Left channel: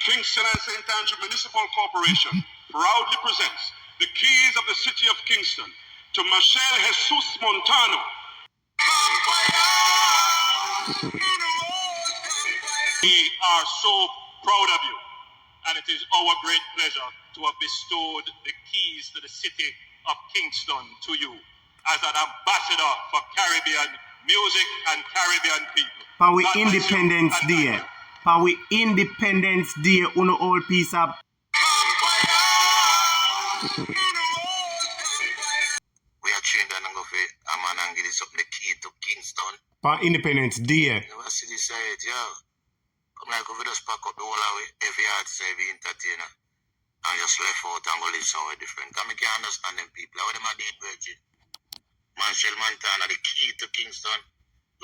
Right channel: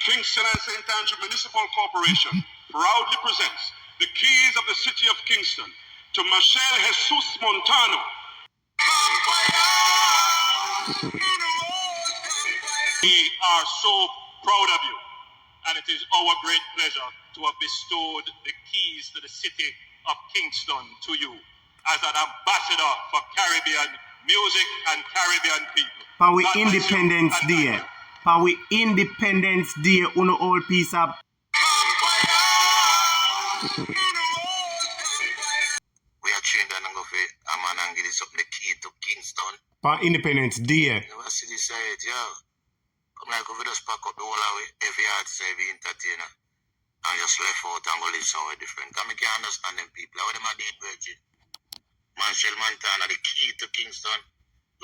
Kingston and St. Andrew Municipal Corporation proudly presents the keys of the city of Kingston to Michelle Jesus Montano. We are so proud of you, and it is our great pleasure to have bestowed the keys to the city of Kingston to you as an ambassador for Caribbean music and Caribbean people. For we Independence Day. For we Independence Day, uno all piece of. We are trained and go for a man and give this up the key to Kingston. For Independence Day. You see this side, yeah. Come like over just pack up the whole away, every artist, every entertainer. And just left out and go live somewhere different. Because I can't understand them people. What them are doing, Virgin? Michelle Montana, the key to Kingston.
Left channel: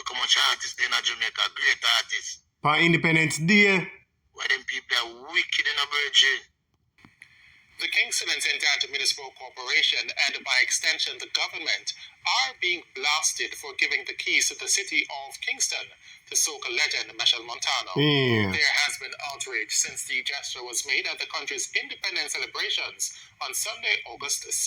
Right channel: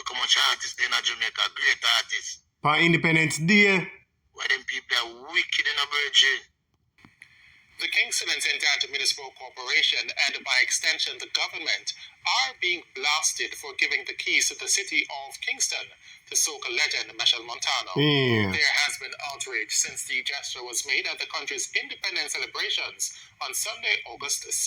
Look how much artists in Jamaica, great artists. For Independence Day. Why them people are wicked in a Virgin? The Kingston and St. Andrew Municipal Corporation, and by extension the government, are being blasted for giving the keys to the city of Kingston to soca legend Michelle Montano. Yeah. There has been outrage since the gesture was made at the country's independence celebrations on Sunday, August 6.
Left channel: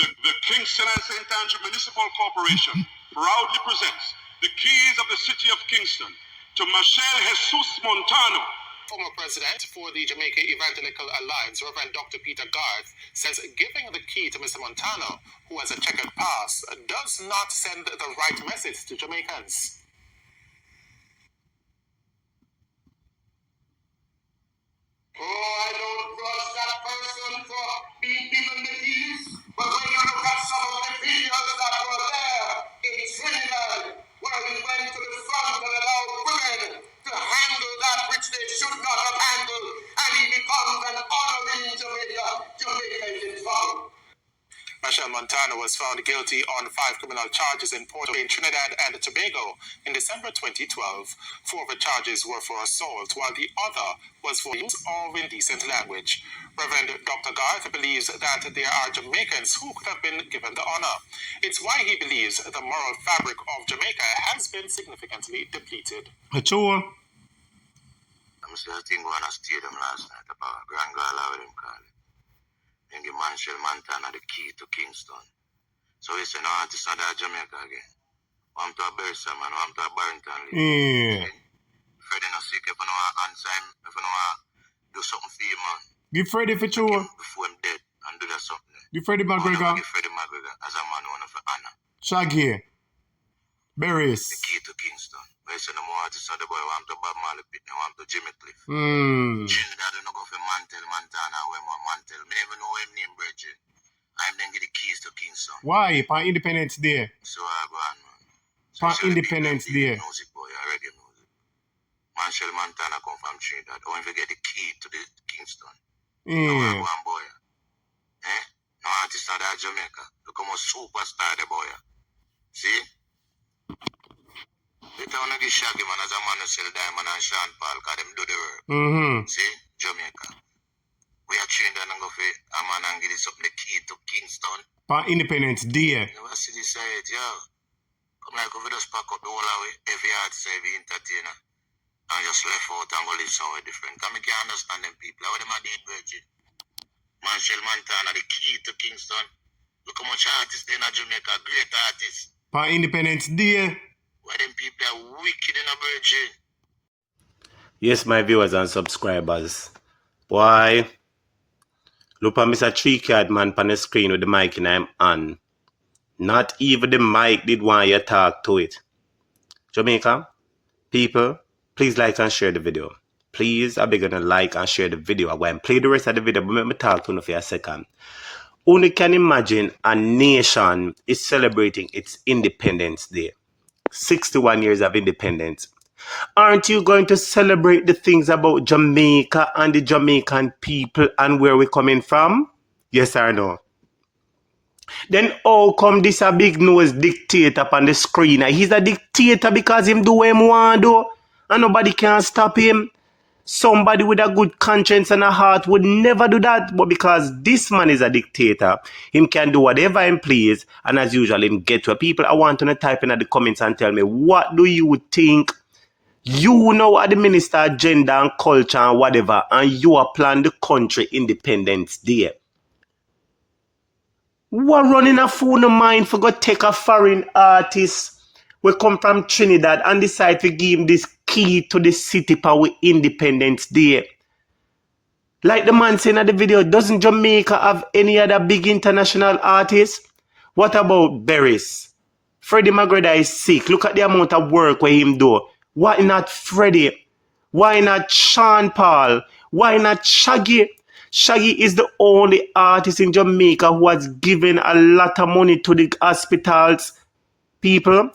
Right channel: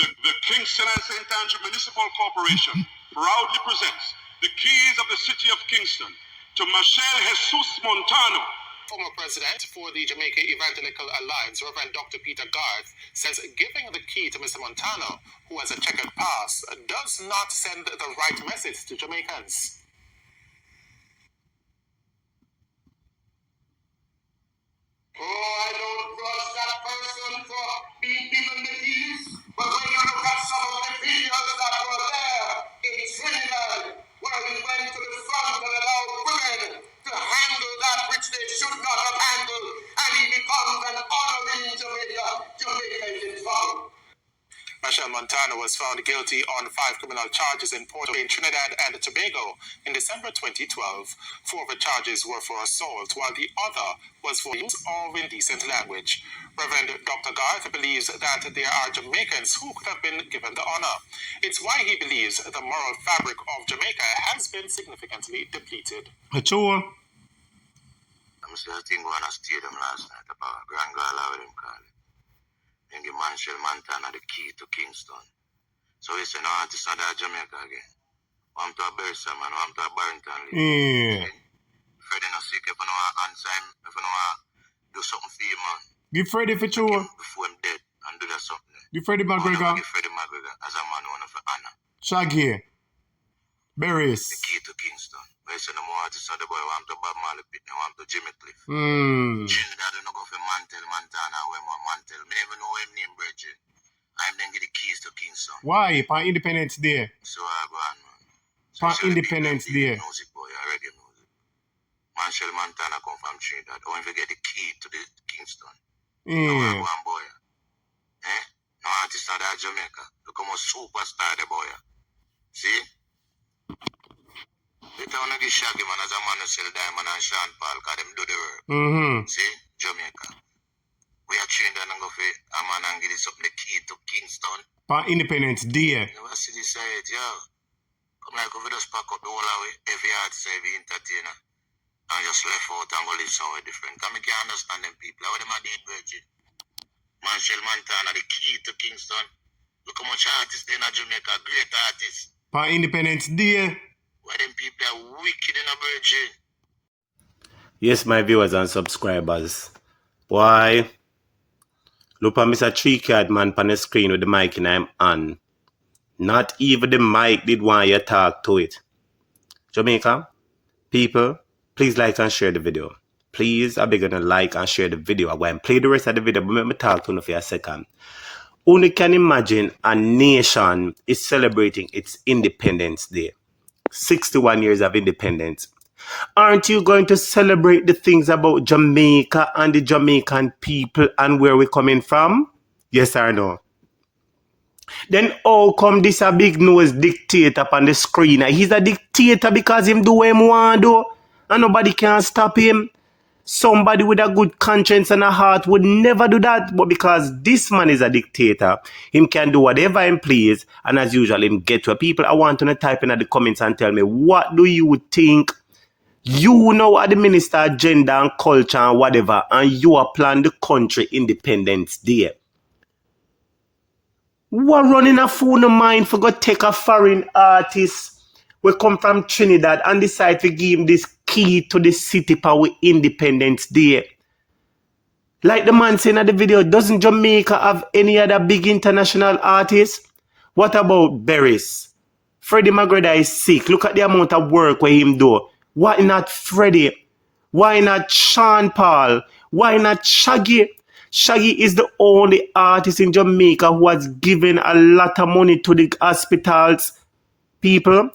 The Kingston and St. Andrew Municipal Corporation proudly presents the keys of the city of Kingston to Michelle Jesus Montano. Former president for the Jamaican Evangelical Alliance, Reverend Dr. Peter Garth, says giving the key to Mr. Montano, who has a checkered past, does not send the right message to Jamaicans. Oh, I don't trust that person for being given the keys, but when you look at some of the videos that were there in Trinidad, where we went to the front and allowed women to handle that which they should not have handled, and he becomes an honorary Jamaica. Jamaica is in trouble. Michelle Montano was found guilty on 5 criminal charges in Trinidad and Tobago in December 2012. 4 of the charges were for assault, while the other was for use of indecent language. Reverend Dr. Garth believes that there are Jamaicans who could have been given the honor. It's why he believes the moral fabric of Jamaica has been significantly depleted. Sure. I'm still thinking on a stadium last night about Grand Gala, what them call it. And give Michelle Montana the key to Kingston. So we say no artist not that Jamaica again. I'm to a Bersa man, I'm to a Barrington Lee. Yeah. Freddie no sick if you know answer him, if you know do something for him, man. Give Freddie for sure. Before him dead and do that something. Give Freddie McGregor. Give Freddie McGregor as a man one for honor. Shaggy. Berries. The key to Kingston. I say no more artists on the boy, I'm to Bob Marley Pitt, now I'm to Jimmy Cliff. Trinidad don't go for Mantel, Montana, where my Mantel. I never know him name, Bridget. I'm then get the keys to Kingston. Why? For Independence Day. So I go on, man. For Independence Day. Music boy, reggae music. Michelle Montana come from Trinidad. Don't forget the key to the Kingston. Now I go on, boy. No artist out of Jamaica. Look how much superstar the boy. See? They don't give Shaggy man as a man who sell Diamond and Sean Paul, because them do the work. See? Jamaica. We are trained and go for a man and give this up the key to Kingston. For Independence Day. You ever see this side, yeah? Come like over just pack up the whole away, every artist, every entertainer, and just left out and go live somewhere different. Because I can't understand them people. What them are doing, Virgin? Michelle Montana, the key to Kingston. Look how much artists in Jamaica, great artists. For Independence Day. Why them people are wicked in a Virgin? Yes, my viewers and subscribers. Why? Look at Mr. 3-card man on the screen with the mic and I'm on. Not even the mic did want you talk to it. Jamaica, people, please like and share the video. Please, I beg you to like and share the video. I'm going to play the rest of the video, but let me talk to you for a second. Only can imagine a nation is celebrating its Independence Day. 61 years of independence. Aren't you going to celebrate the things about Jamaica and the Jamaican people and where we're coming from? Yes or no? Then how come this a big nose dictator up on the screen? He's a dictator because him do what him want do, and nobody can stop him. Somebody with a good conscience and a heart would never do that. But because this man is a dictator, him can do whatever him please. And as usual, him get to people. I want to type in the comments and tell me, what do you think You now are the Minister of Gender and Culture and whatever, and you are planning the country Independence Day. What running a fool no mind for go take a foreign artist we come from Trinidad and decide to give him this key to the city for Independence Day? Like the man saying in the video, doesn't Jamaica have any other big international artists? What about Barris? Freddie McGregor is sick. Look at the amount of work with him do. Why not Freddie? Why not Sean Paul? Why not Shaggy? Shaggy is the only artist in Jamaica who has given a lot of money to the hospitals. People,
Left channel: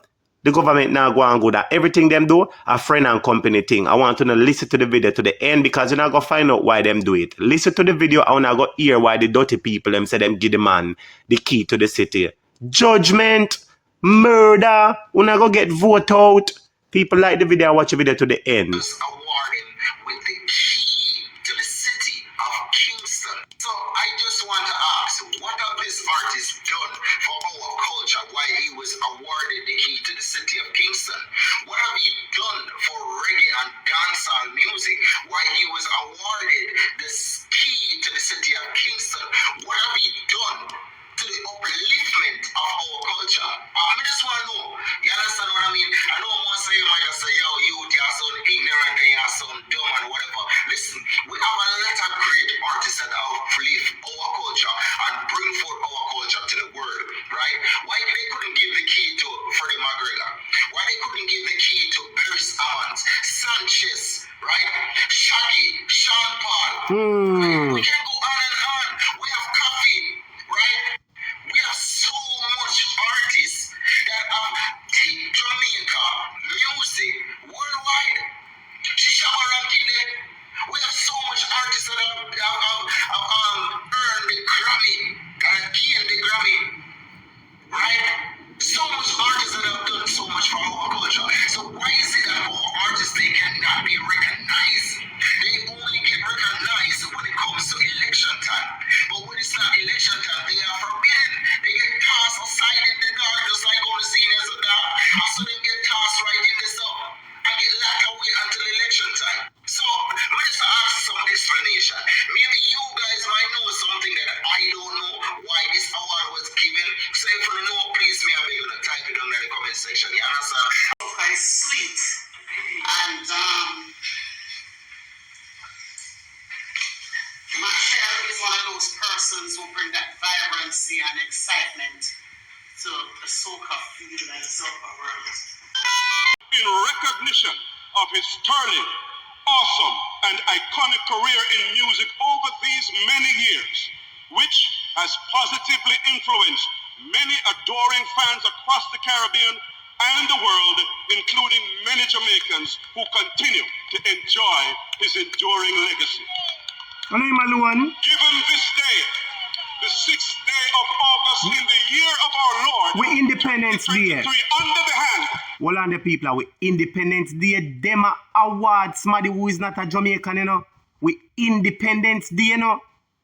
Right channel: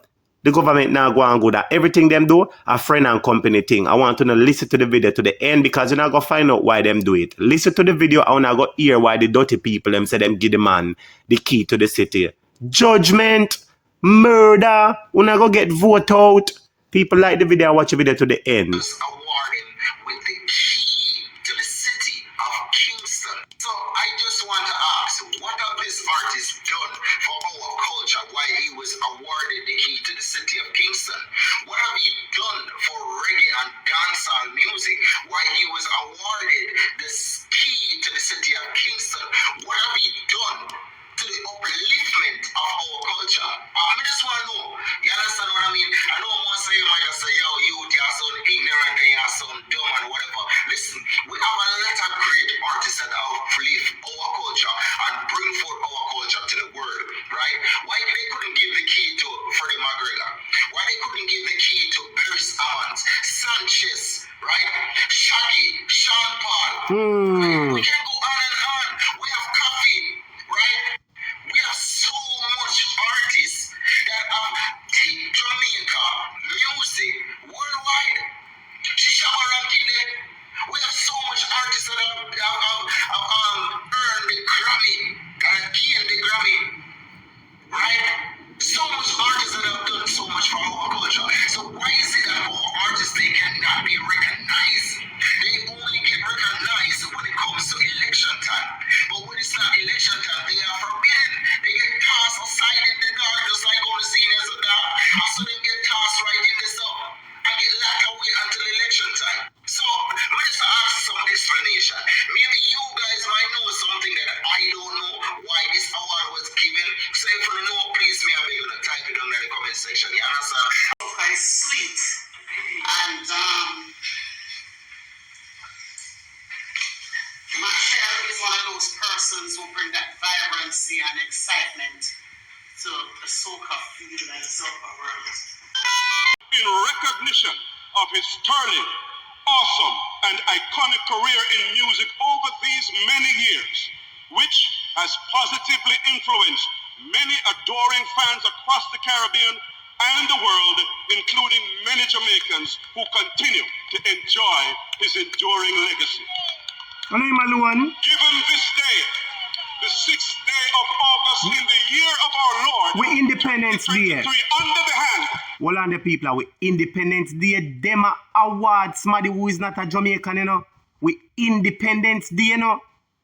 the government now go and go that everything them do a friend and company thing. I want to know, listen to the video to the end because you're not going to find out why them do it. Listen to the video. I want to go hear why the dirty people them say them give the man the key to the city. Judgment, murder, we're not going to get vote out. People like the video, watch the video to the end. Awarded with the key to the city of Kingston. So I just want to ask, what have this artist done for our culture while he was awarded the key to the city of Kingston? What have he done for reggae and dancehall music while he was awarded this key to the city of Kingston? What have he done to the upliftment of our culture? I just want to know. You understand what I mean? I know most of you might just say, yo, you are so ignorant and you are so dumb and whatever. Listen, we have a lot of great artists that uplift our culture and bring forth our culture to the world, right? Why they couldn't give the key to Freddie McGregor? Why they couldn't give the key to Barris Amons, Sanchez, right? Shaggy, Sean Paul. We can go on and on. We have Coffee, right? We have so much artists that have taken Jamaica music worldwide. Shishaba ranking there. We have so much artists that have earned the Grammy, and gained the Grammy, right? So much artists that have done so much for our culture. So why is it that our artists, they cannot be recognized? They only get recognized when it comes to election time. But when it's not election time, they are forbidden. They get tossed aside in the dark, just like all the seniors of that. So they get tossed right in the sun and get locked away until election time. So let's ask some explanation. Maybe you guys might know something that I don't know why this award was given. So if you know, please me, I'm going to type it down in the comment section. You understand? I sleep. And Michelle is one of those persons who bring that vibrancy and excitement to the soca field and soca world. In recognition of his sterling, awesome, and iconic career in music over these many years, which has positively influenced many adoring fans across the Caribbean and the world, including many Jamaicans who continue to enjoy his enduring legacy. Given this day, the 6th day of August in the year of our Lord, we Independence Day. Under the hand. Well, on the people, we Independence Day. Them awards, somebody who is not a Jamaican, you know. We Independence Day, you know.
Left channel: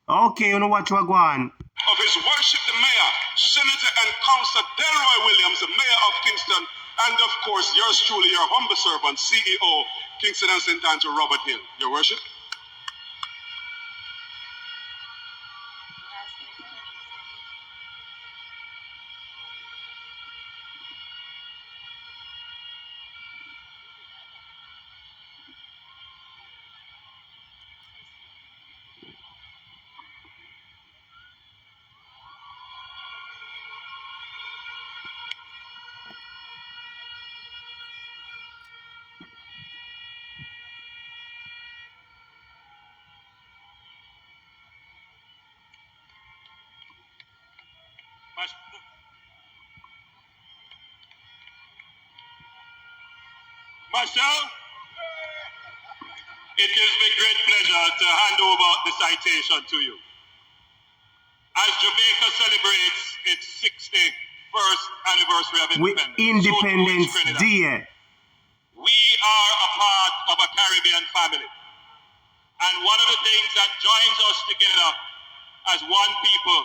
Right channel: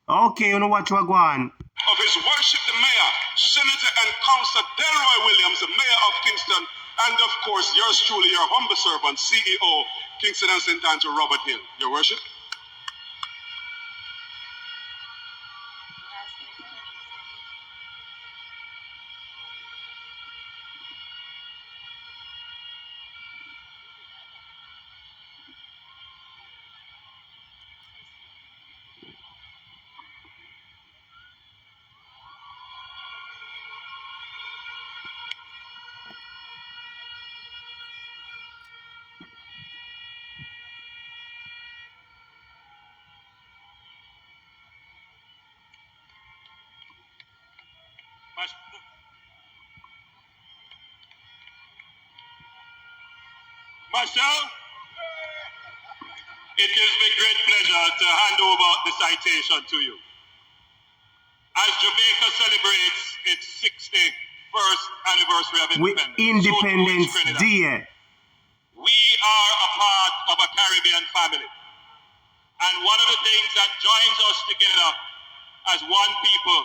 Okay, you know what you are going. Of his worship, the Mayor, Senator and Councillor Delroy Williams, the Mayor of Kingston, and of course, yours truly, your humble servant, CEO, Kingston and St. Andrew, Robert Hill. Your worship. Marcel, it gives me great pleasure to hand over the citation to you. As Jamaica celebrates its 61st anniversary of Independence Day. We are a part of a Caribbean family. And one of the things that joins us together as one people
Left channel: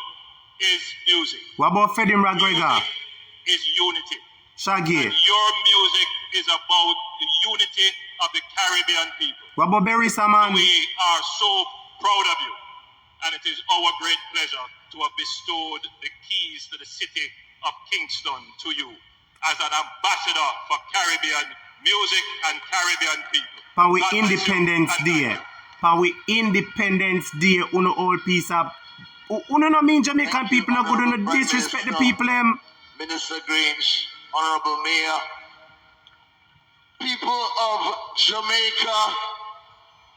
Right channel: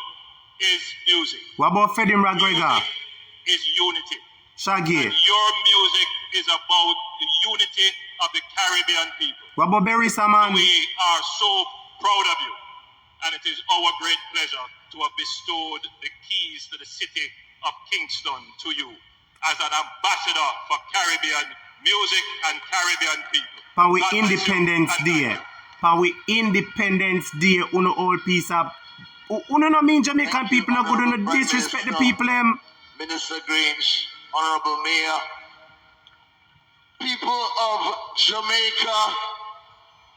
is music. What about Freddie McGregor? Music is unity. Shaggy. And your music is about the unity of the Caribbean people. What about Berisa, man? We are so proud of you, and it is our great pleasure to have bestowed the keys to the city of Kingston to you as an ambassador for Caribbean music and Caribbean people. For we God bless you Independence and Day. thank you. For we Independence Day, uno all piece up. Uno no mean Jamaican people no good, uno disrespect the people them. Minister Grange, Honorable Mayor, people of Jamaica,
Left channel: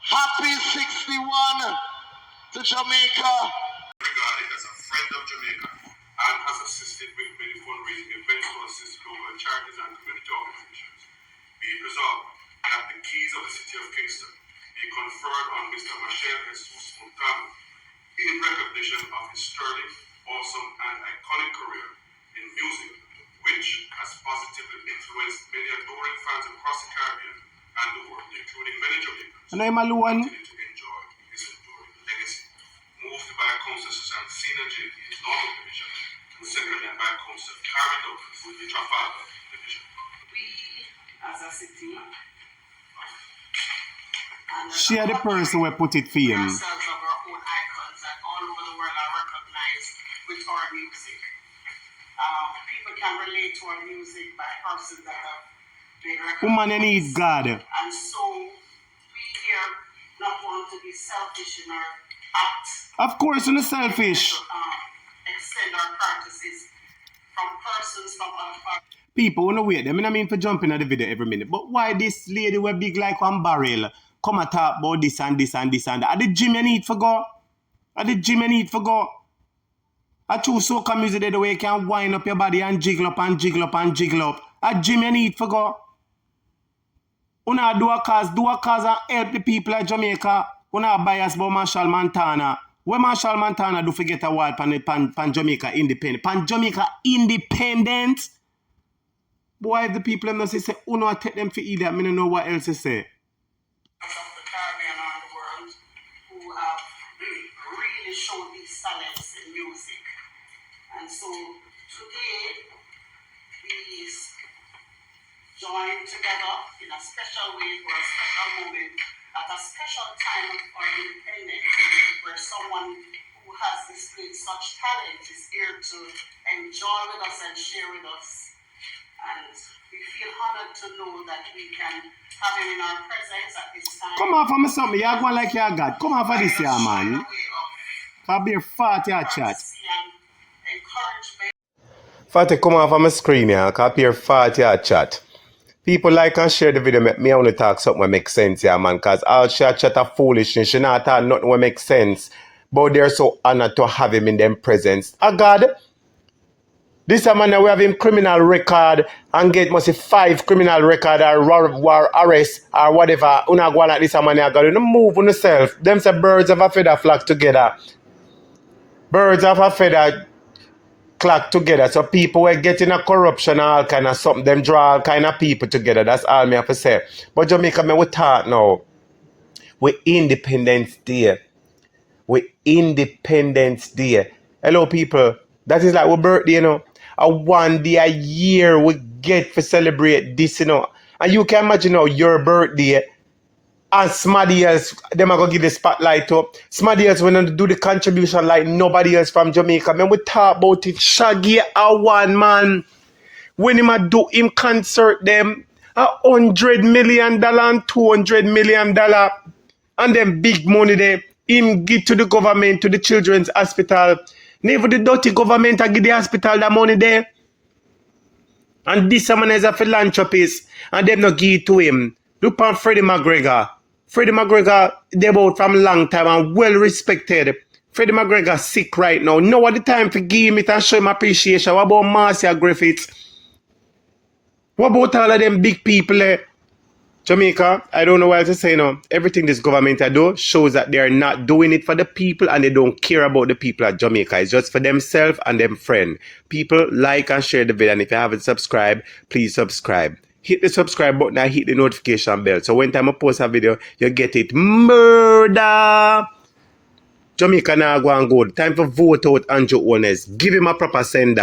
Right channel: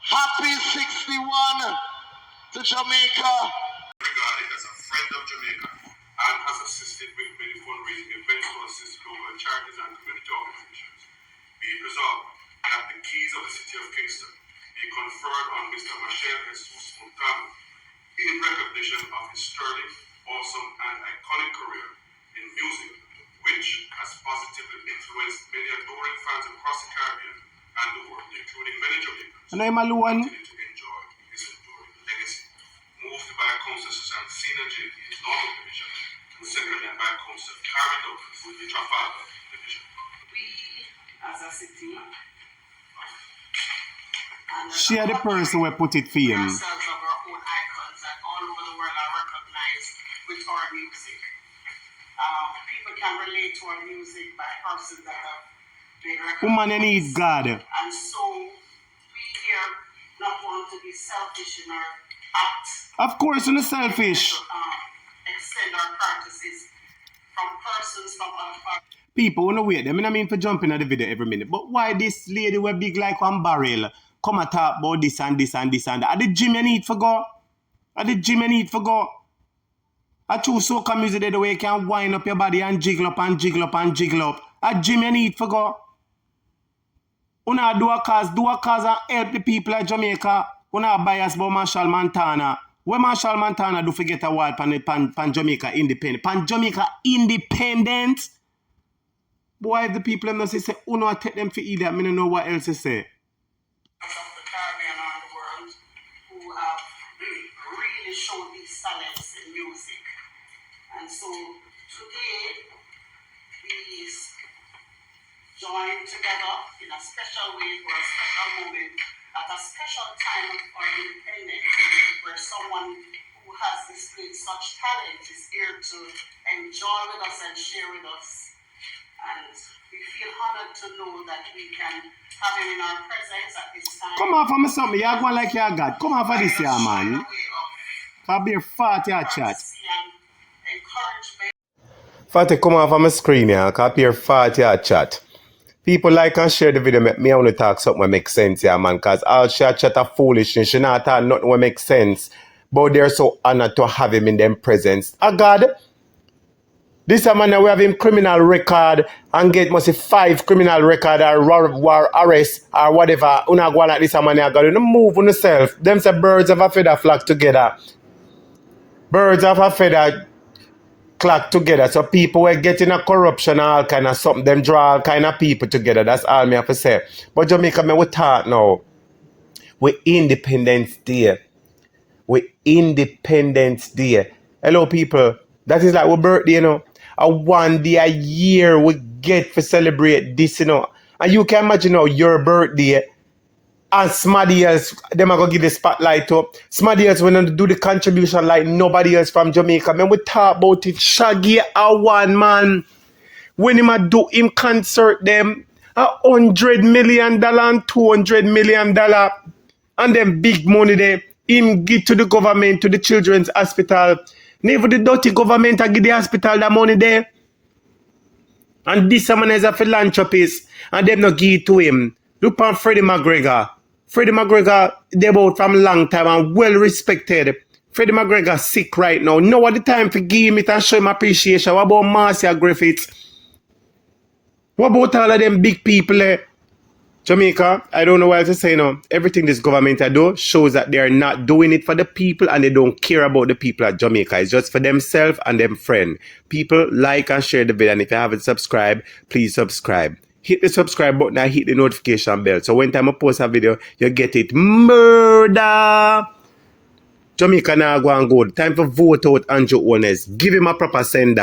happy 61 to Jamaica. Regarded as a friend of Jamaica and has assisted with many fundraising events to assist local charities and community organizations. Be it resolved that the keys of the city of Kingston be conferred on Mr. Michel Jesus Montano in recognition of his sterling, awesome, and iconic career in music, which has positively influenced many adoring fans across the Caribbean and the world, including many Jamaicans Ano yung maluwan? continue to enjoy his enduring legacy. Moved by Council Susan Synergy in his normal division, and seconded by Council Karen Douglas in the Trafalgar division. We, as a city, and as She a are the country, person who put it for we him. ourselves have our own icons that all over the world are recognized with our music. People can relate to our music by persons that have been recognized. Woman, you need God. And so we here not want to be selfish in our act. Of course, you're selfish. Extend our courtesies from persons from other parts. People wanna wait them. I mean for jumping at the video every minute. But why this lady were big like one barrel? Come and talk about this and this and this and that. At the gym you need for go. At the gym you need for go. I choose soca music the way you can wind up your body and jiggle up and jiggle up and jiggle up. At gym you need for go. Una do a cause and help the people of Jamaica. Una bias about Marshall Montana. When Marshall Montana do forget a word pan Jamaica independent. Pan Jamaica independent. Boy, if the people them not say, Uno take them for idiot, I don't know what else to say. Of the Caribbean and the world who have really shown these talents in music. And so today we join together in a special way for a special moment at a special time of our independence where someone who has displayed such talent is here to enjoy with us and share with us. And we feel honored to know that we can have him in our presence at this time. Come on for me something, you're going like you're God. Come on for this year, man. I'll be a fat your chat. Fatty, come on for my screen here. I'll be a fat your chat. People like and share the video, make me only talk something that makes sense here, man. Because all she chat are foolishness. She not talk nothing that makes sense. But they're so honored to have him in them presence. God. This man we have him criminal record and get must 5 criminal record or arrest or whatever. Una go like this man you got to move on yourself. Them say birds of a feather flock together. Birds of a feather flock together. So people were getting a corruption and all kind of something. Them draw all kind of people together. That's all me have to say. But Jamaica, me we talk now. We Independence Day. We Independence Day. Hello people. That is like our birthday, you know. A 1 day a year we get to celebrate this, you know. And you can imagine now your birthday and somebody else, them are going to give the spotlight up. Somebody else will do the contribution like nobody else from Jamaica. Man, we talk about it. Shaggy a one man. When him do him concert them, $100 million and $200 million. And them big money there. Him give to the government, to the children's hospital. Never the dirty government give the hospital that money there. And this man is a philanthropist. And them not give it to him. Look on Freddie McGregor. Freddie McGregor, they both from long time and well respected. Freddie McGregor sick right now. Now at the time to give him it and show him appreciation. What about Marcia Griffiths? What about all of them big people there? Jamaica, I don't know what else to say now. Everything this government do shows that they are not doing it for the people and they don't care about the people at Jamaica. It's just for themselves and them friends. People like and share the video, and if you haven't subscribed, please subscribe. Hit the subscribe button and hit the notification bell. So when time I post a video, you get it. Murder! Jamaica now go and good. Time for vote out Andrew HOLNESS. Give him a proper sender.